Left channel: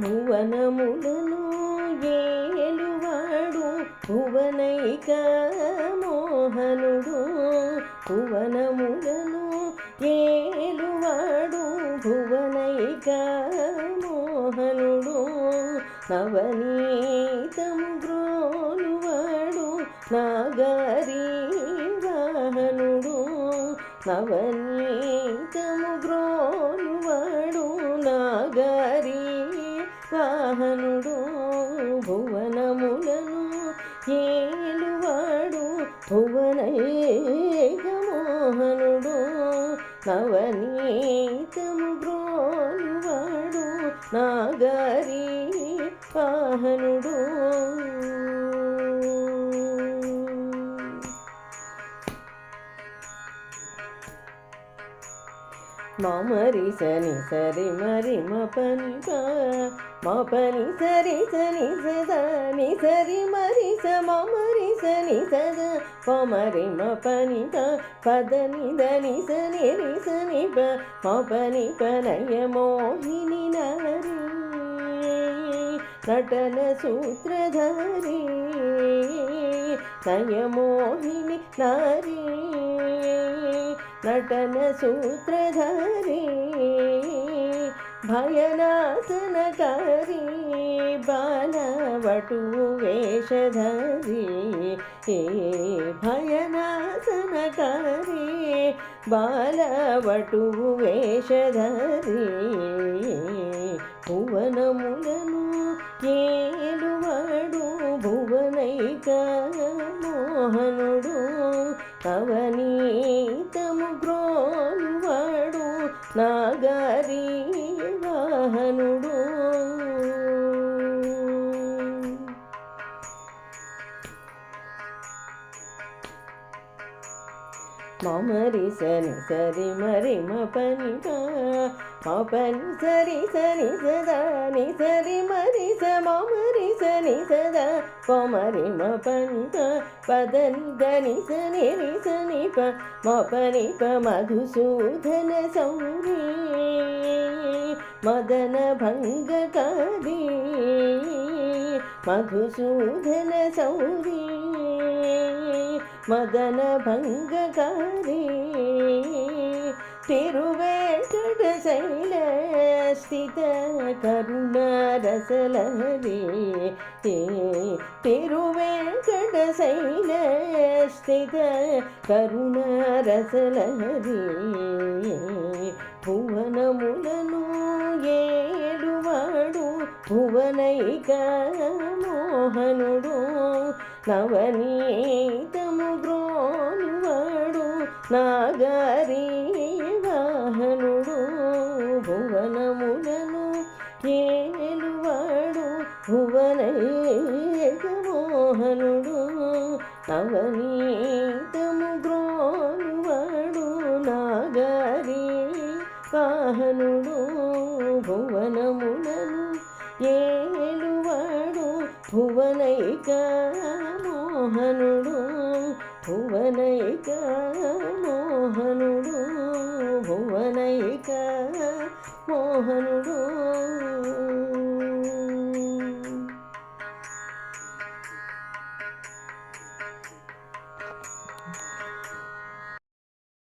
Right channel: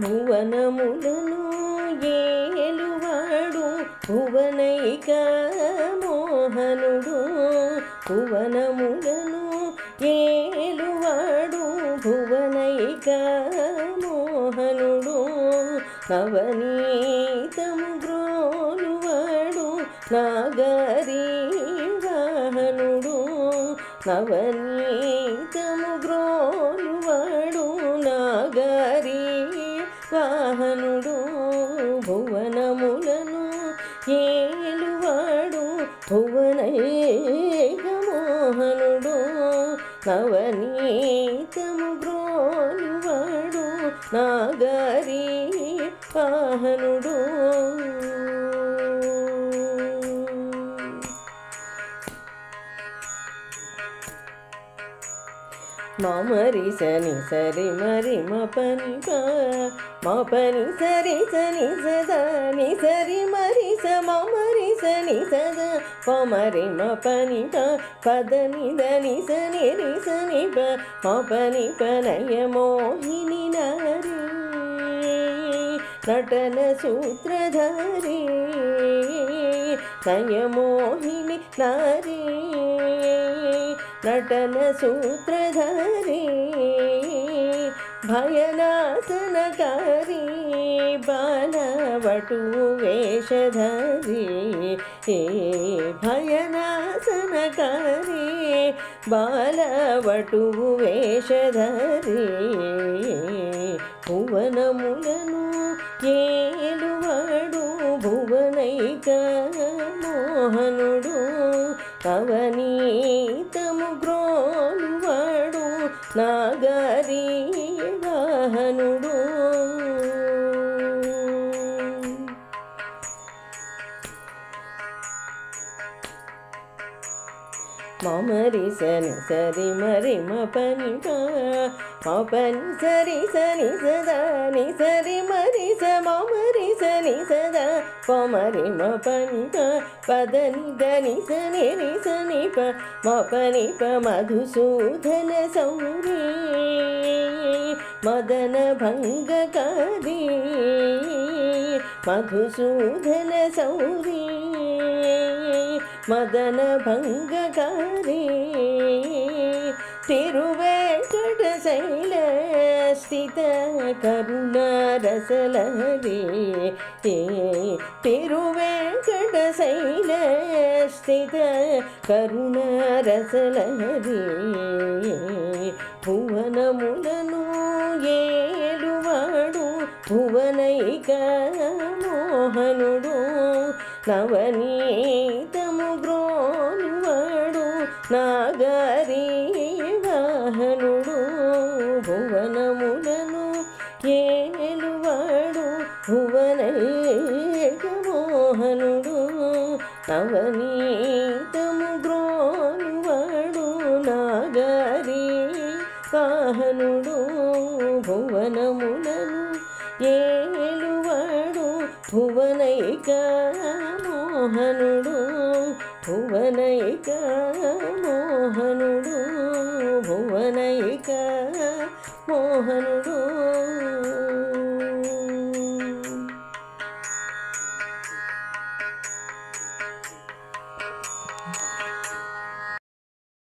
భువనములను ఏలువాడు భువనైక మోహనుడు. భువనములను ఏలువాడు భువనైక మోహనుడు. నవనీతము గ్రోలువాడు నాగరీ వాహనుడు. నవనీతము గ్రోలువాడు నాగరీ వాహనుడు. భువనములను ఏలువాడు భువనైక మోహనుడు. నవనీతము గ్రోలువాడు నాగరీ వాహనుడు. మమరి సని సరి మరి మపని మపని సరి సని సదా ని సరి మరి స మమరి సని సదా పమరి మపని పదని దని సని రి సని ప మపని పనయ మోహిని నారి నటన సూత్రధారి నయ మోహిని నారి నటన సూత్రధారి భయనాశనకారి బాలవటు వేషధారి. భయనాశనకారి బాలవటు వేషధారి. భువనములను ఏలువాడు భువనైక మోహనుడు. నవనీతము గ్రోలువాడు నాగరీ వాహనుడు. మమరి సని సరి మరి మపని మపని సరి సని సదా ని సరి మరి స మమరి సని సదా పమరి మపని పదని దని సని రి సని ప మపని ప మధుసూదన సౌరి మదన భంగకారి. మధుసూదన సౌరి మదన భంగకారి. తిరువేంకట శైల స్థిత కరుణారసలహరి. తిరువేంకట శైల స్థిత కరుణారసలహరి. భువనములను ఏలువాడు భువనైక మోహనుడు. నవనీతము గ్రోలువాడు నాగరీ వాహనుడు. భువనములను ఏలువాడు భువనైక మోహనుడు. నవనీతము గ్రోలువాడు నాగరీ వాహనుడు. భువనములను ఏలువాడు భువనైక మోహనుడు. భువనైక మోహనుడు. భువనైక మోహనుడు.